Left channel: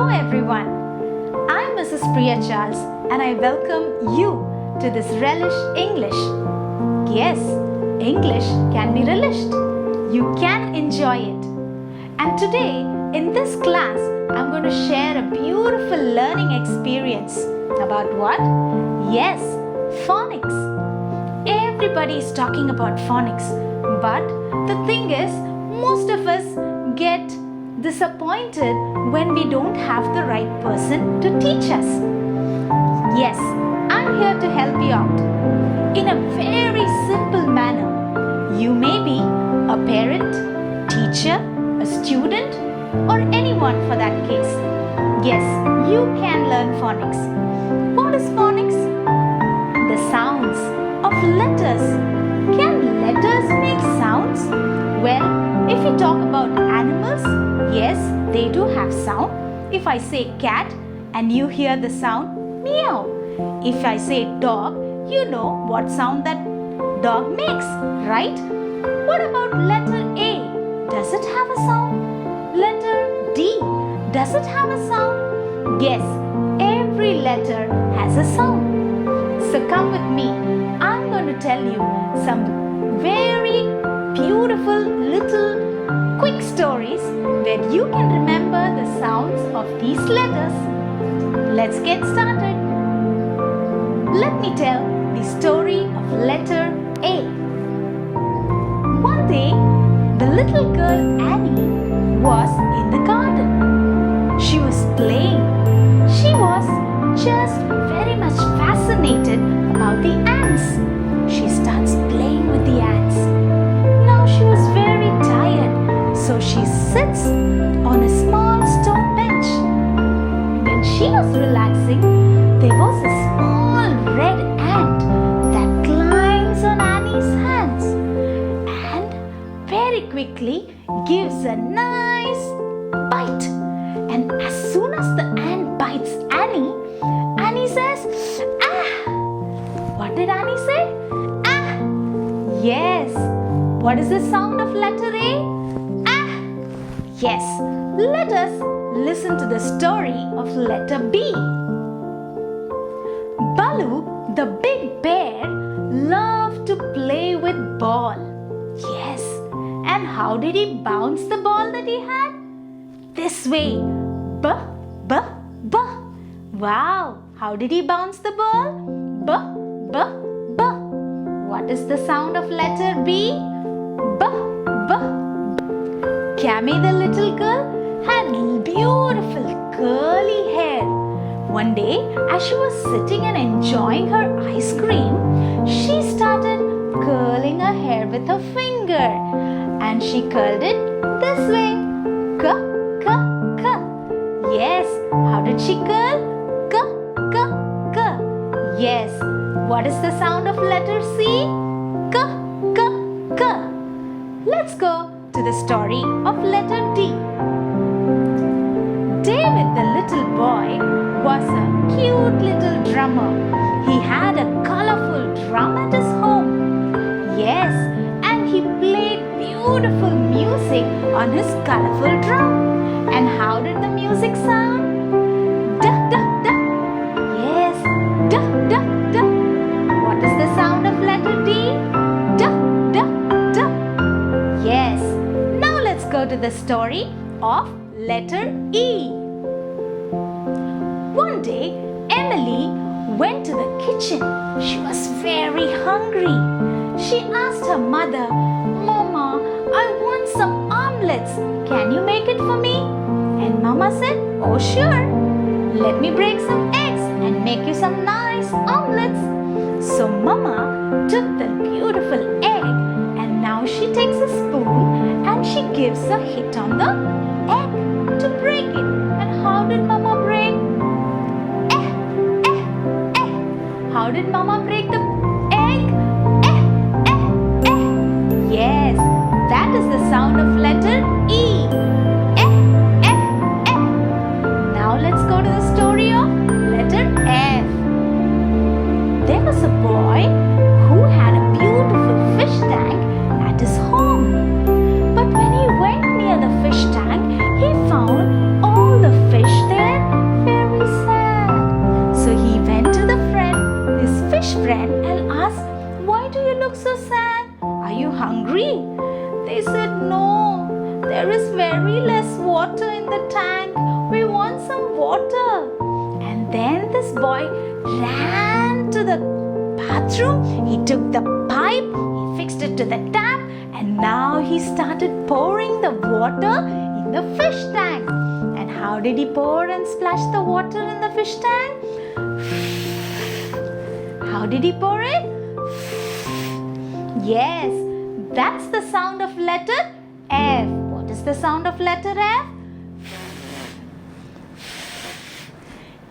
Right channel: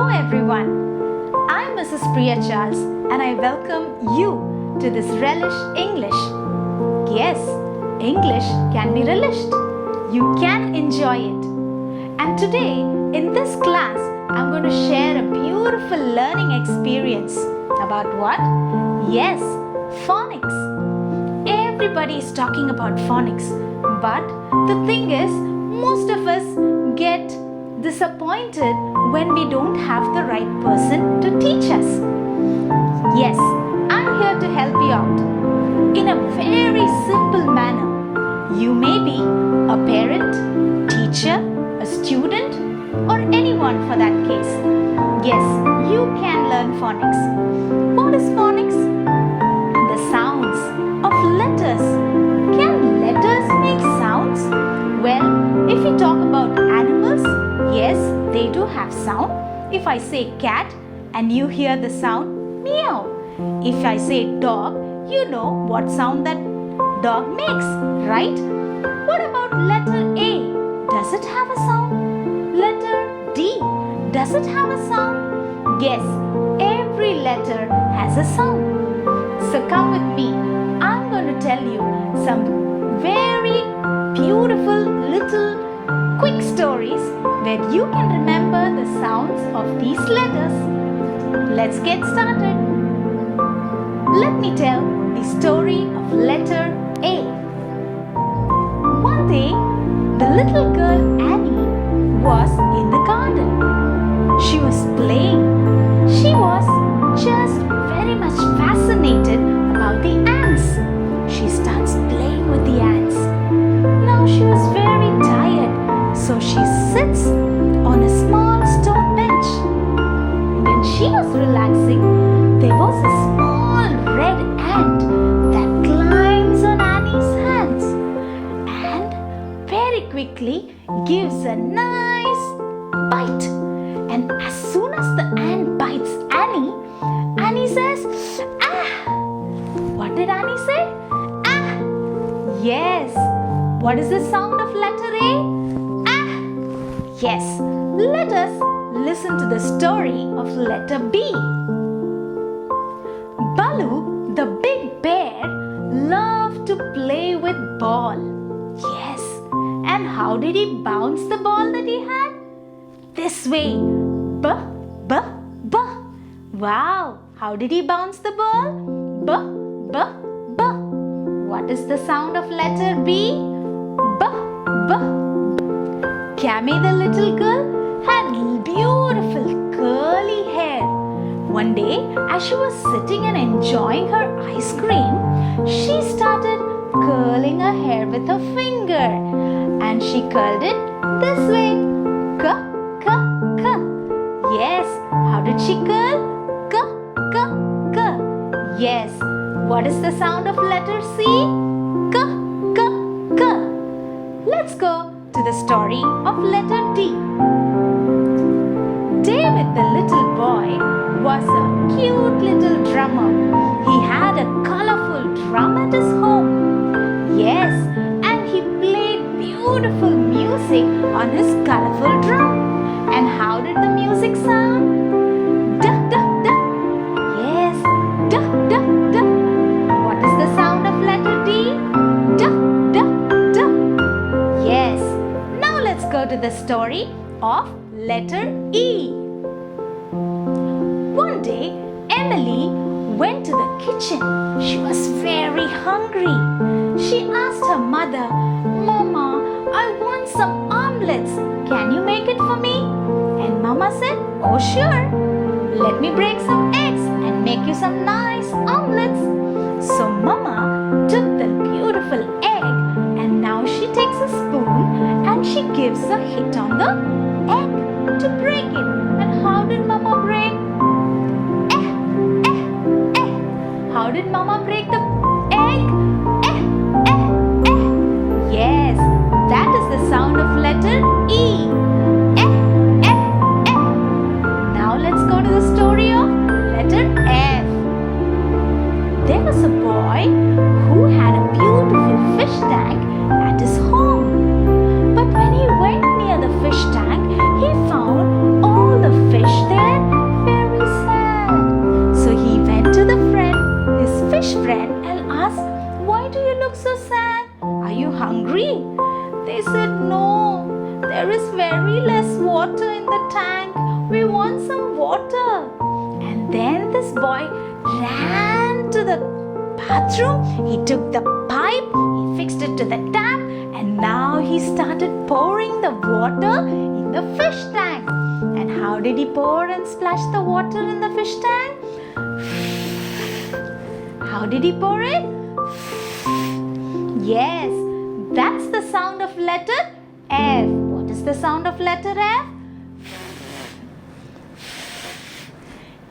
Hello everyone, I'm Mrs. Priya and I welcome you to this Relish English. Yes, English can be relished. You can enjoy it. And today in this class, I'm going to share a beautiful learning experience. About what? Yes, phonics. Everybody is talking about phonics. But the thing is, most of us get disappointed when we don't have the right person to teach us. Yes, I'm here to help you out in a very simple manner. You may be a parent, teacher, a student, or anyone for that case. Yes, you can learn phonics. What is phonics? The sounds of letters. Can letters make sounds? Well, if we talk about animals, yes, they do have sound. If I say cat and you hear the sound meow. If I say dog, you know what sound that dog makes, right? What about letter A? Does it have a sound? Letter D, does it have a sound? Yes, every letter has a sound. So come with me. I'm going to tell you some very beautiful little quick stories where you can remember the sounds of these letters. Let's get started. Let me tell the story of letter A. One day, the little girl Annie was in the garden. She was playing. She was just very much fascinated about the ants. She starts playing with the ants. Now she was very tired, so she sits on a small stone bench. When she was relaxing, there was a small red ant that climbs on Annie's hands and very quickly gives a nice bite. And as soon as the ant bites Annie, Annie says, "Ah!" What did Annie say? Ah! Yes. What is the sound of letter A? Ah! Yes. Let us listen to the story of letter B. Baloo, the big bear, loved to play with ball. Yes. And how did he bounce the ball that he had? This way. B, b, b. Wow. How did he bounce the ball? B, b, b. What is the sound of letter B? B, b, b. Cammy, the little girl, had beautiful curly hair. One day, as she was sitting and enjoying her ice cream, she started curling her hair with her finger. And she curled it this way. K, k, k. Yes, how did she curl? K, k, k. Yes. What is the sound of letter C? K, k, k. Let's go to the story of letter D. David, the little boy, was a cute little drummer. He had a colorful drum at his home. Yes, and he played beautiful music on his colorful drum. And how did the music sound? Da, da, da. Yes, da, da, da. What is the sound of letter D? Da, da, da. Yes. Now let's go to the story of letter E. One day, Emily went to the kitchen. She was very hungry. She asked her mother, "Mama, I want some omelets. Can you make it for me?" And Mama said, "Oh, sure. Let me break some eggs and make you some nice omelets." So Mama took the beautiful egg and now she takes a spoon and she gives a hit on the egg to break it. And how did Mama break? How did Mama break the egg? Yes, that is the sound of letter E. Now let's go to the story of letter F. There was a boy who had a beautiful fish tank at his home. But when he went near the fish tank, he found all the fish there do you look so sad? Are you hungry? They said, no, there is very less water in the tank. We want some water. And then this boy ran to the bathroom. He took the pipe, he fixed it to the tap, and now he started pouring the water in the fish tank. And how did he pour and splash the water in the fish tank? How did he pour it? Yes, that's the sound of letter F. What is the sound of letter F?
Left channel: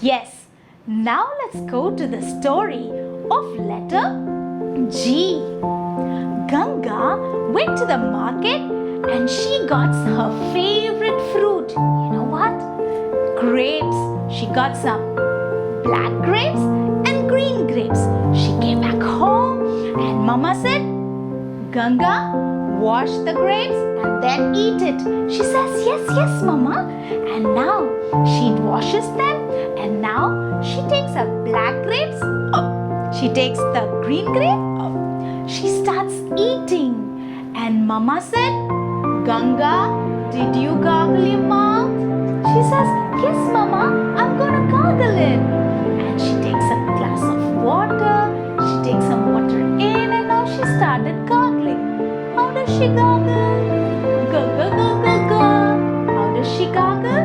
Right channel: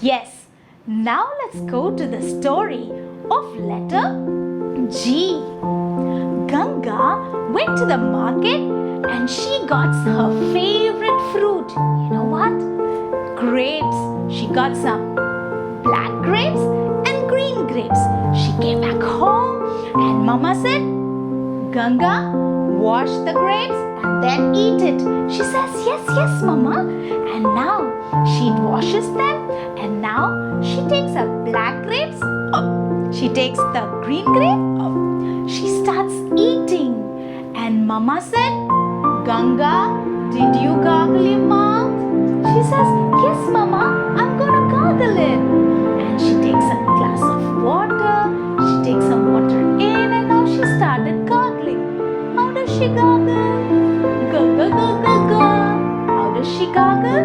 Yes, now let's go to the story of letter G. Ganga went to the market and she got her favorite fruit. You know what? Grapes. She got some black grapes and green grapes. She came back home and Mama said, Ganga, wash the grapes and then eat it. She says, yes, Mama. And now she washes them and now she takes her black grapes. She takes the green grape. She starts eating. And Mama said, Ganga, did you gargle your mouth? She says, yes, Mama, I'm gonna gargle it. And she takes a glass of water. She takes some water in and now she started gargling. How does she gargle? Ga ga ga ga ga. How does she gargle?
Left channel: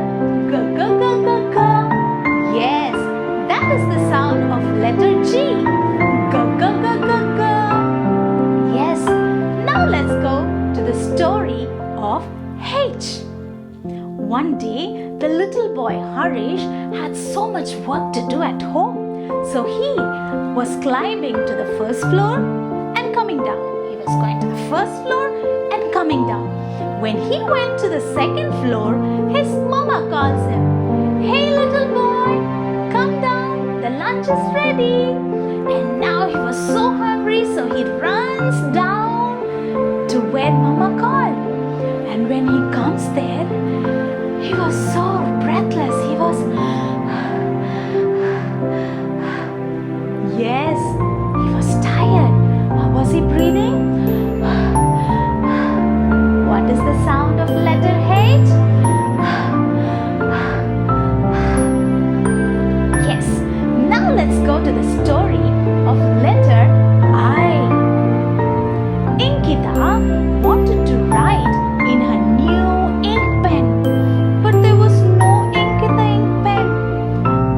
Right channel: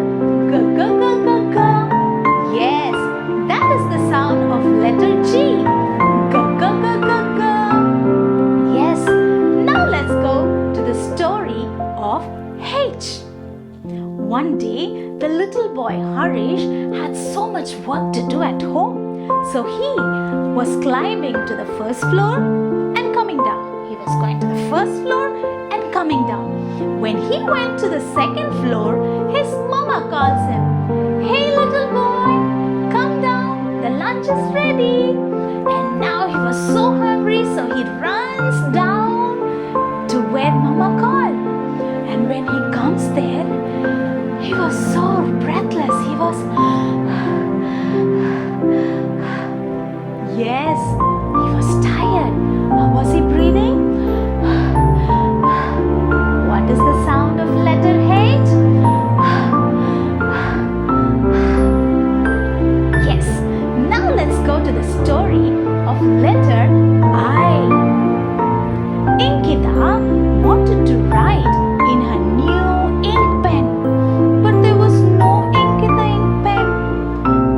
Ga ga ga ga ga. Yes, that is the sound of letter G. Ga ga ga ga ga. Yes, now let's go to the story of H. One day, the little boy Harish had so much work to do at home. So he was climbing to the first floor and coming down. He was going to the first floor and coming down. When he went to the second floor, his mama calls him, Hey little boy, come down, the lunch is ready. And now he was so hungry, so he runs down to where mama called. And when he comes there, he was so breathless. He was, yes, he was tired. How was he breathing? What is the sound of letter H? Yes, now let's go to the story of letter I. Inkita wanted to write in her new ink pen, but there was no ink in the ink pen.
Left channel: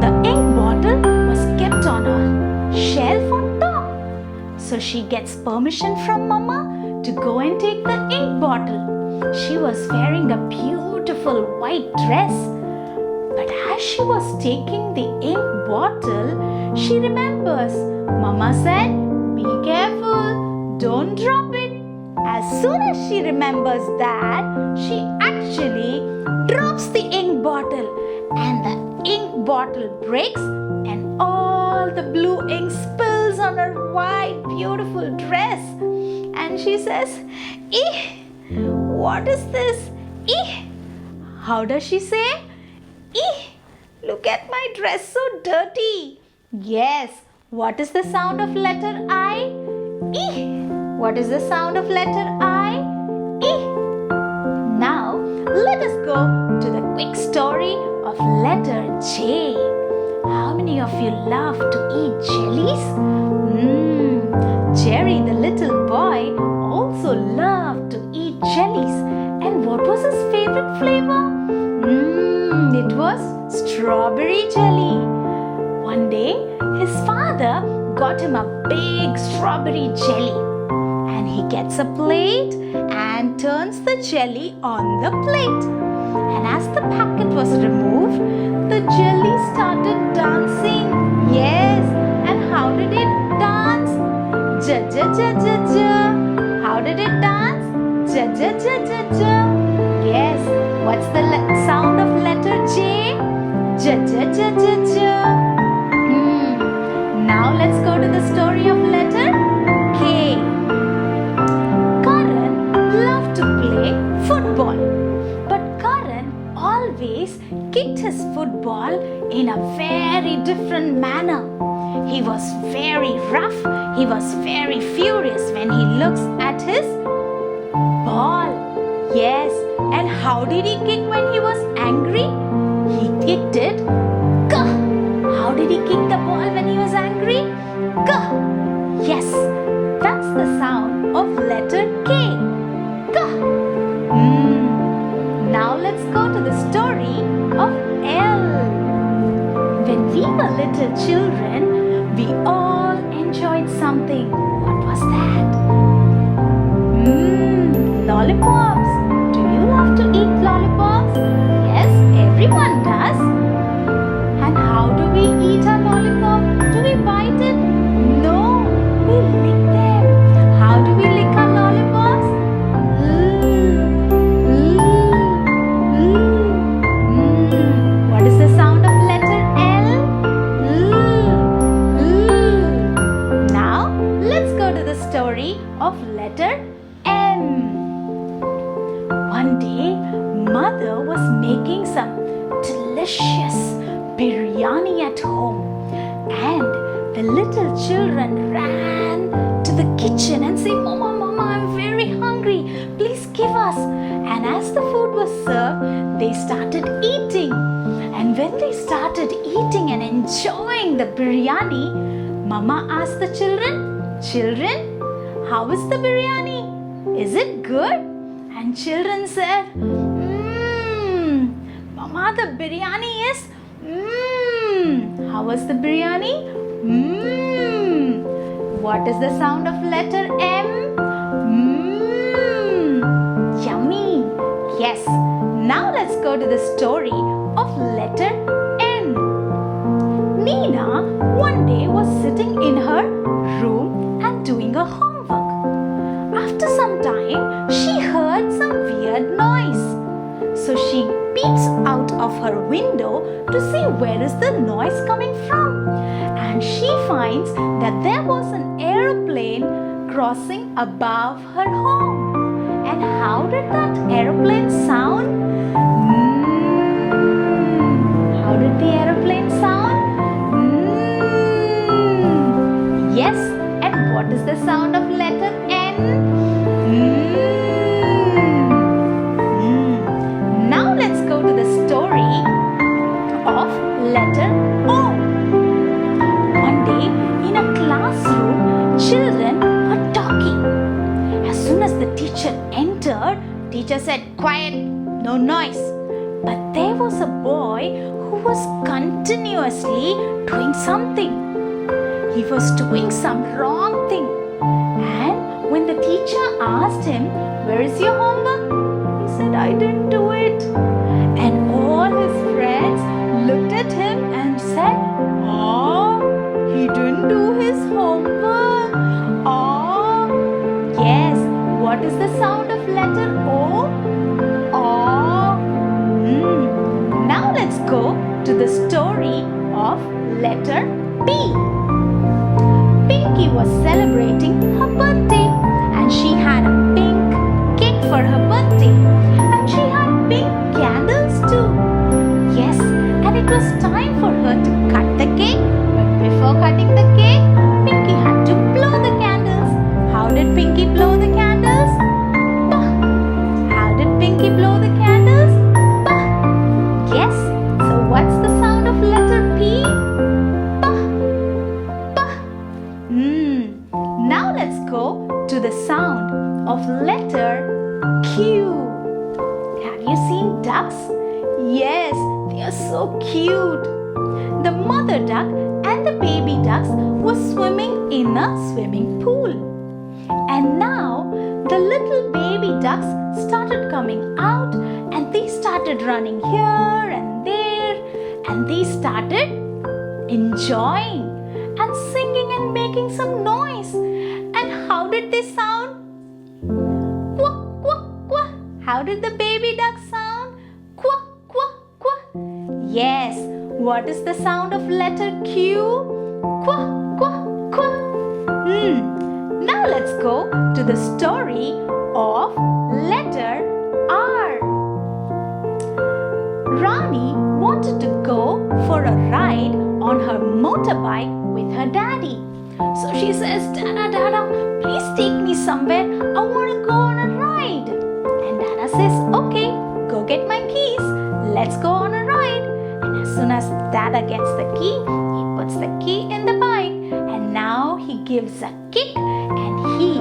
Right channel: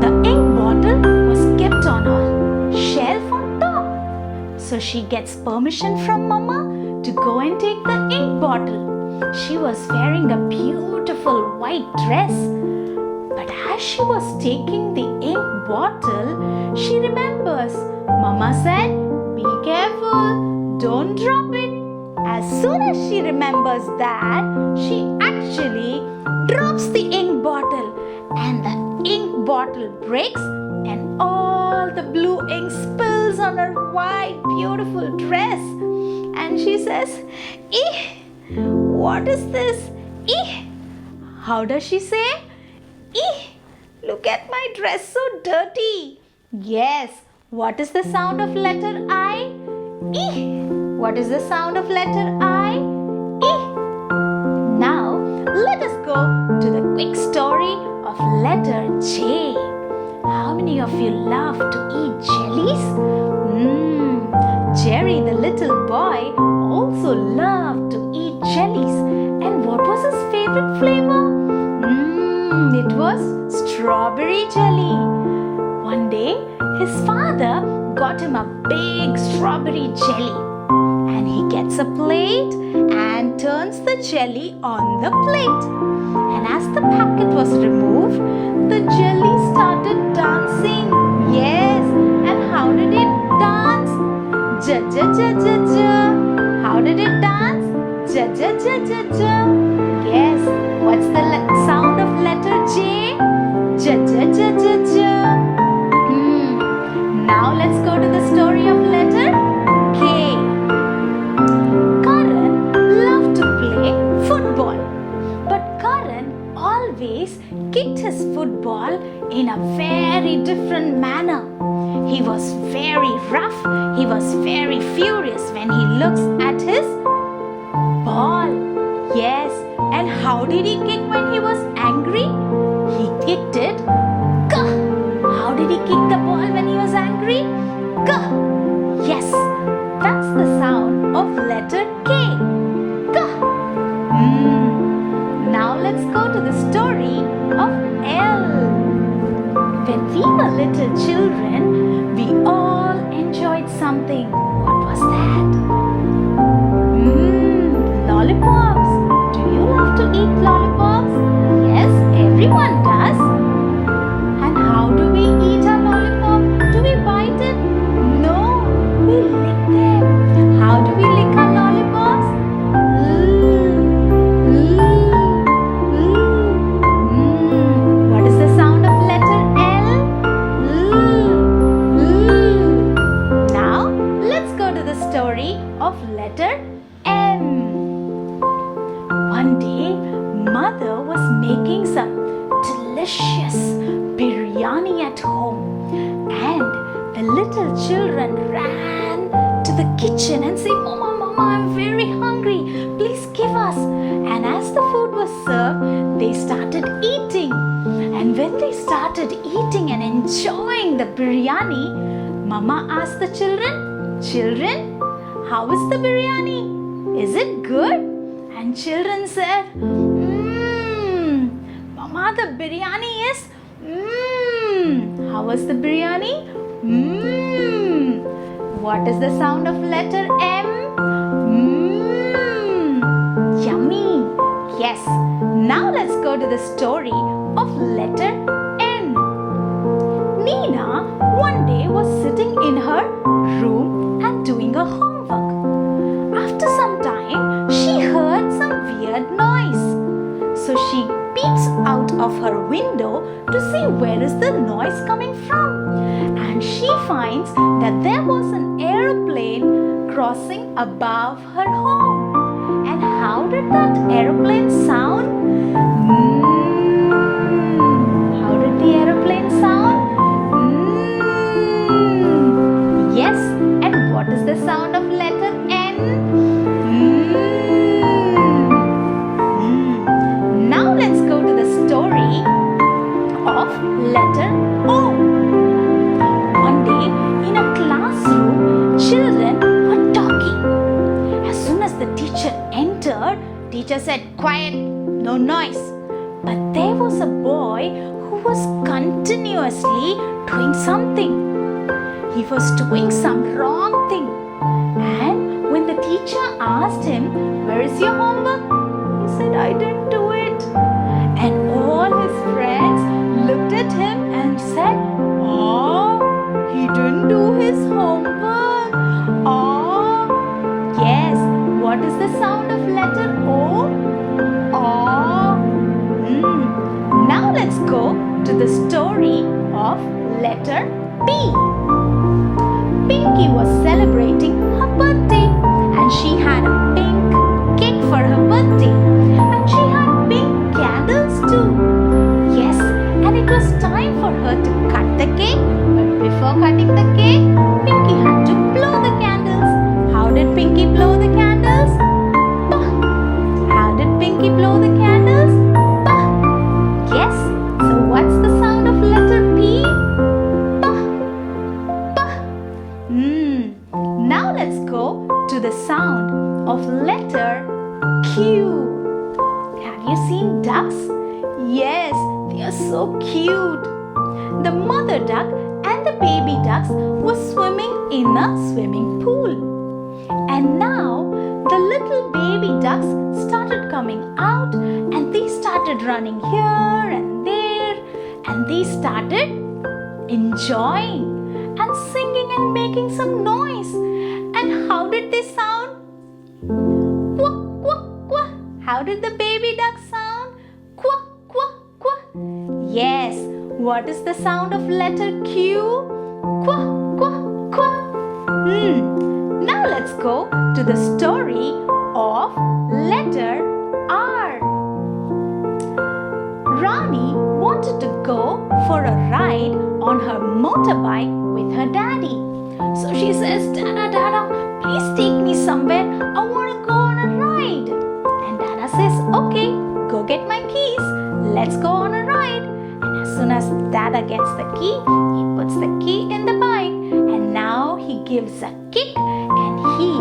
The ink bottle was kept on a shelf on top. So she gets permission from Mama to go and take the ink bottle. She was wearing a beautiful white dress. But as she was taking the ink bottle, she remembers Mama said, be careful, don't drop it. As soon as she remembers that, she actually drops the ink bottle and the ink bottle breaks and all the blue ink spills on her white beautiful dress. And she says, Eeh, what is this? Eeh. How does she say? Eeh, look at my dress so dirty. Yes, what is the sound of letter I? Eeh. What is the sound of letter I? Eeh. Now, let us go to the quick story of letter J. How many of you love to eat jellies? Jerry, the little boy, also loved to eat jellies. And what was his favorite flavor? It was strawberry jelly. One day, his father got him a big strawberry jelly. And he gets a plate and turns the jelly on the plate. And as the packet was removed, the jelly started dancing. Yes, and how did it dance? Ja ja ja ja ja. How did it dance? Ja ja ja ja ja. Yes, what's the sound of letter J? Ja ja ja ja ja. Now let's go to the story of letter K. Karan loved to play football, but Karan always kicked his football in a very different manner. He was very rough. He was very furious when he looks at his ball. Yes, and how did he kick when he was angry? He kicked it. Gah! How did he kick the ball when he was angry? Gah! Yes, that's the sound of letter K. Gah! Now let's go to the story of L. When we were little children, we all enjoyed something. What was that? Lollipops. Do you love to eat lollipops? Yes, everyone does. And how do we eat a lollipop? Do we bite it? No, we lick them. How do we lick our lollipops? What is the sound of letter L? Now, let's go to the story of letter M. One day, mother was making some delicious biryani at home, and the little children ran to the kitchen and said, Mama, Mama, I'm very hungry. Please give us. And as the food was served, they started eating. And when they started eating and enjoying the biryani, Mama asked the children, how is the biryani? Is it good? And children said, Mama, the biryani is, how was the biryani? What is the sound of letter M? Yummy. Yes. Now let's go to the story of letter N. Nina one day was sitting in her room and doing her homework. After some time, she heard some weird noise. So she peeps out of her window to see where is the noise coming from. And she finds that there was an aeroplane crossing above her home. And how did that aeroplane sound? How did the aeroplane sound? Yes, and what is the sound of letter N? Now let's go to the story of letter O. One day in a classroom, children were talking. As soon as the teacher entered, teacher said, quiet, no noise. But there was a boy who was continuously doing something. He was doing some wrong thing. And when the teacher asked him, where is your homework? He said, I didn't do it. And all his friends looked at him and said, he didn't do his homework. Yes, what is the sound of letter O? Now let's go to the story of letter P. Pinky was celebrating her birthday, and she had a pink cake for her birthday, and she had pink candles too. Yes, and it was time for her to cut the cake, but before cutting the cake, Pinky had to blow the candles. How did Pinky blow the candles? Bah! How did Pinky blow the candles? Bah! Yes, so what's the sound of letter P? Now let's go to the sound of letter Q. Have you seen ducks? Yes, they are so cute. The mother duck and the baby ducks were swimming in a swimming pool. And now the little baby ducks started coming out, and they started running here and there, and they started enjoying and singing and making some noise. And how did they sound? Quack, quack, quack. How did the baby duck sound? Quack, quack, quack. Yes, what is the sound of letter Q? Quack, quack, quack. Now let's go to the story of letter R. Rani wanted to go for a ride on her motorbike with her daddy. So she says, Dada, Dada, please take me somewhere. I want to go on a ride. And Dada says, okay, go get my keys. Let's go on a ride. And as soon as Dada gets the key, he puts the key in the bike. And now he gives a kick and he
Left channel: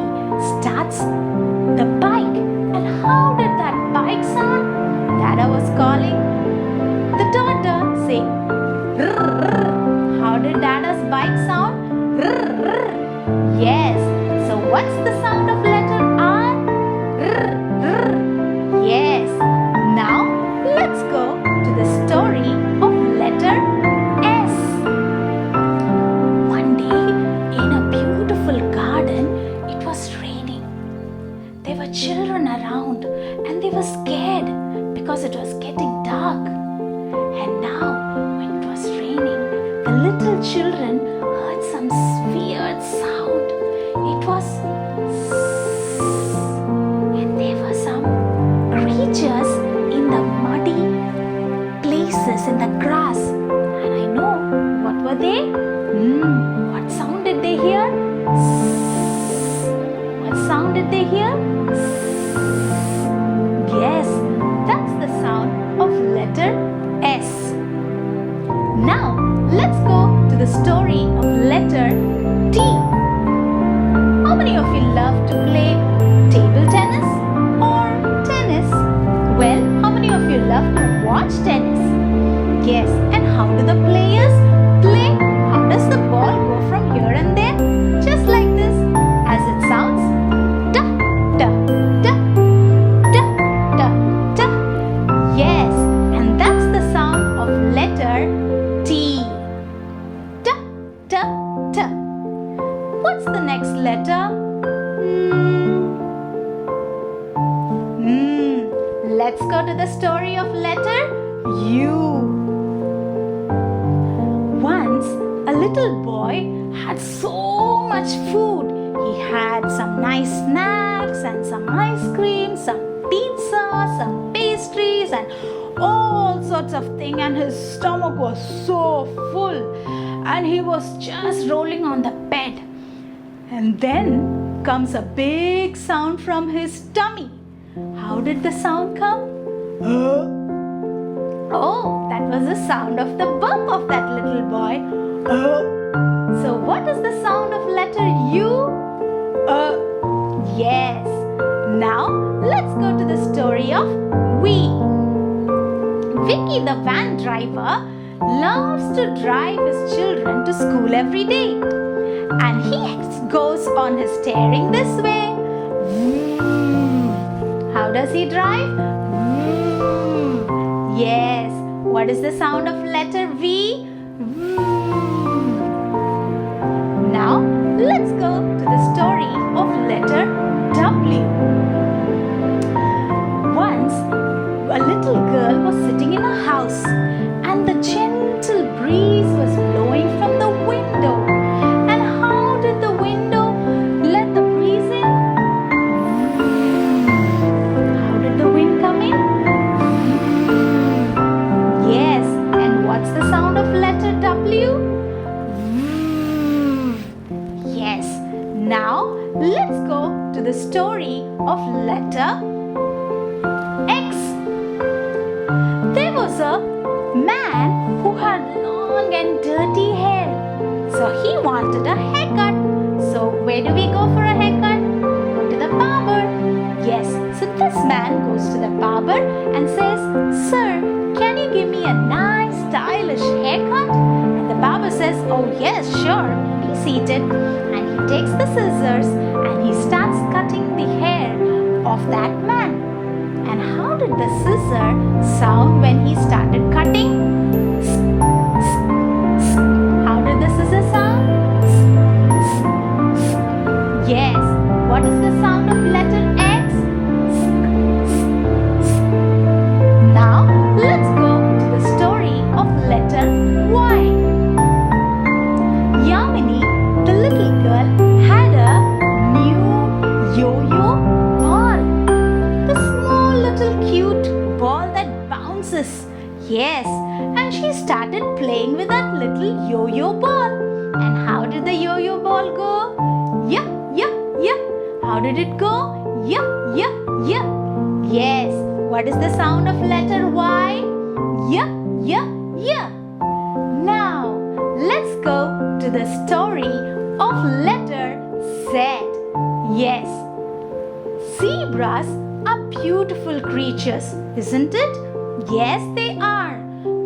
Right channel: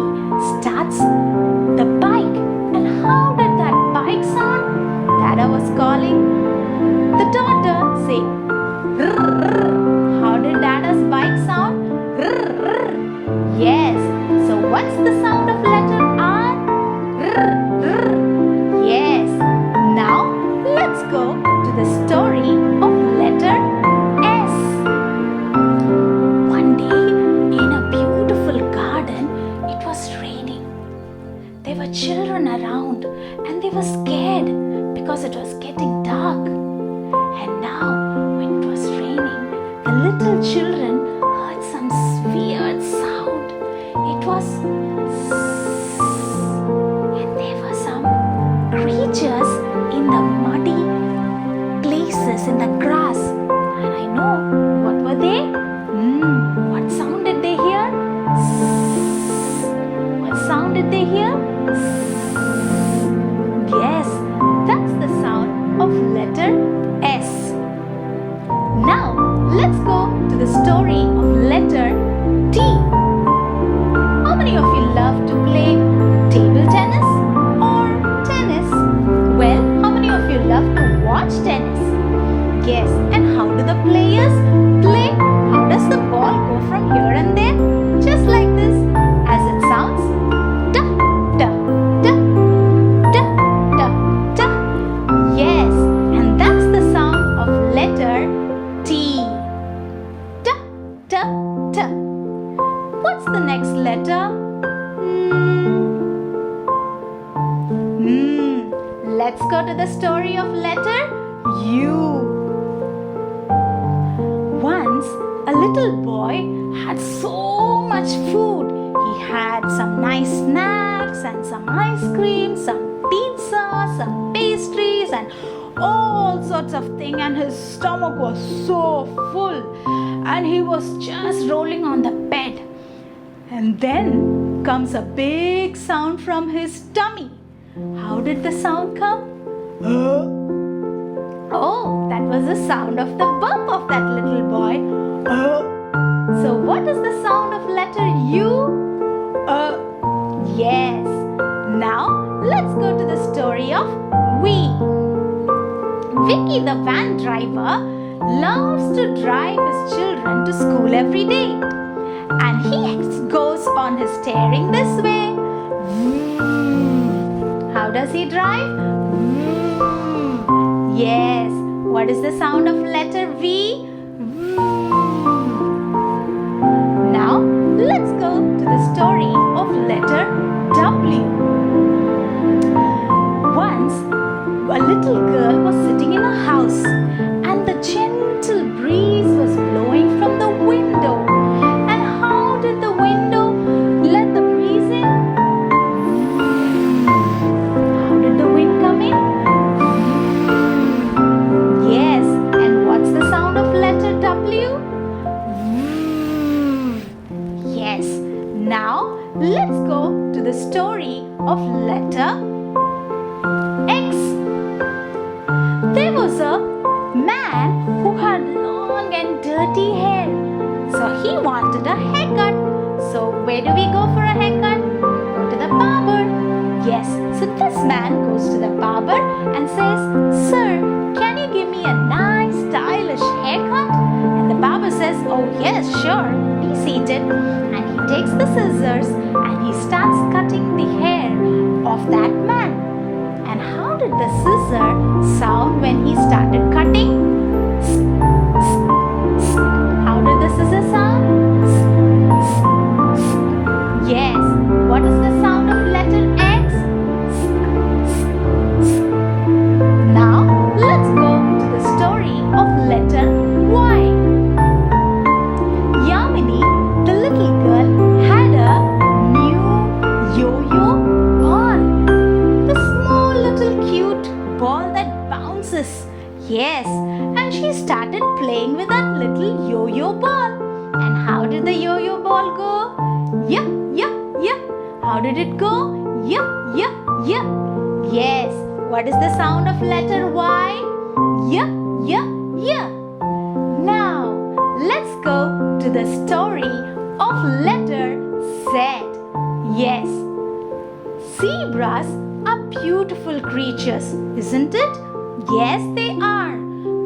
starts the bike. And how did that bike sound? Dada was calling the daughter, saying, rrr. How did Dada's bike sound? Rrr. Yes. So what's the sound of letter R? Rrr. Yes. Now let's go to the story of letter S. One day in a beautiful garden, it was raining. There were children around and they were scared because it was getting dark. And now when it was raining, the little children heard some weird sound. It was and there were some creatures in the muddy places in the grass. And I know, what were they? What sound did they hear? What sound did they hear? Yes, that's the sound of letter S. Now, let's go to the story of letter T. How many of you love to play table tennis or tennis? Well, how many of you love to watch tennis? Yes, and how do the players play? How does the ball go from here and there? Just like this, as it sounds. Da, da, da, da, da, da. Yes, and that's the sound of letter T. Da, da, da. What's the next letter? Let's go to the story of letter U. Once, a little boy had so much food. He had some nice snacks and some ice cream, some pizza, some pastries and all sorts of things, and his stomach was so full and he was just rolling on the bed. And then comes a big sound from his tummy. How did the sound come? Oh, that was the sound of the bump of that little boy. So what is the sound of letter U? Yes. Now let's go to the story of we. Vicky, the van driver, loves to drive his children to school every day. And he goes on his steering this way. How does he drive? Yes. What is the sound of letter V? Now, let's go to the story of letter W. Once, a little girl was sitting in a house and the gentle breeze was blowing from the window. And how did the window let the breeze in? How did the wind come in? Yes, and what's the sound of letter W? Yes, now let's go to the story of letter X. There was a man who had long and dirty hair. So he wanted a haircut. So where do we go for a haircut? Go to the barber. Yes, so this man goes to the barber and says, Sir, can you give me a nice stylish haircut? And the barber says, oh yes, sure, be seated. And he takes the scissors and he starts cutting the hair of that man. And how did the scissor sound when he started cutting? How did the scissor sound? Yes. What is the sound of letter X? Now let's go to the story of letter Y. Yamini, the little girl, had a new yo-yo ball. The small little cute ball that bounces. Yes, and she started playing with that little yo-yo ball. And how did the yo-yo ball go? Yeah, yeah, yeah. How did it go? Yeah, yeah, yeah. Yes. What is the sound of letter Y? Yeah, yeah, yeah. Now, let's go to the story of letter Z. Yes. Zebras are beautiful creatures, isn't it? Yes, they are.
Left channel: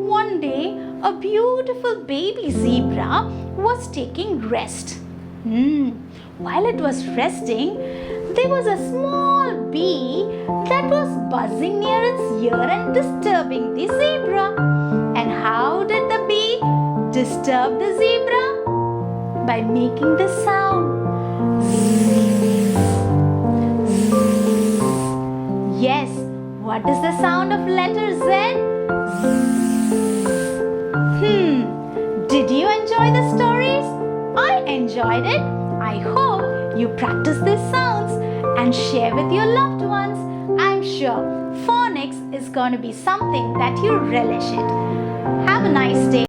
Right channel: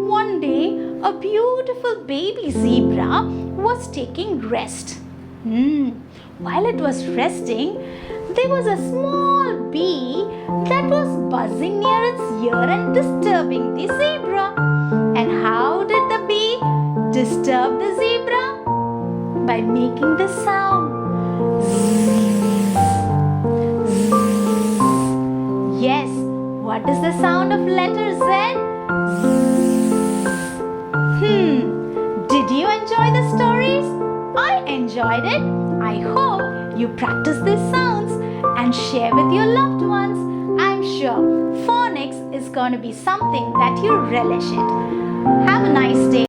One day, a beautiful baby zebra was taking rest. While it was resting, there was a small bee that was buzzing near its ear and disturbing the zebra. And how did the bee disturb the zebra? By making the sound. Yes, what is the sound of letter Z? Did you enjoy the stories? I enjoyed it. I hope you practice these sounds and share with your loved ones. I'm sure phonics is going to be something that you relish it. Have a nice day.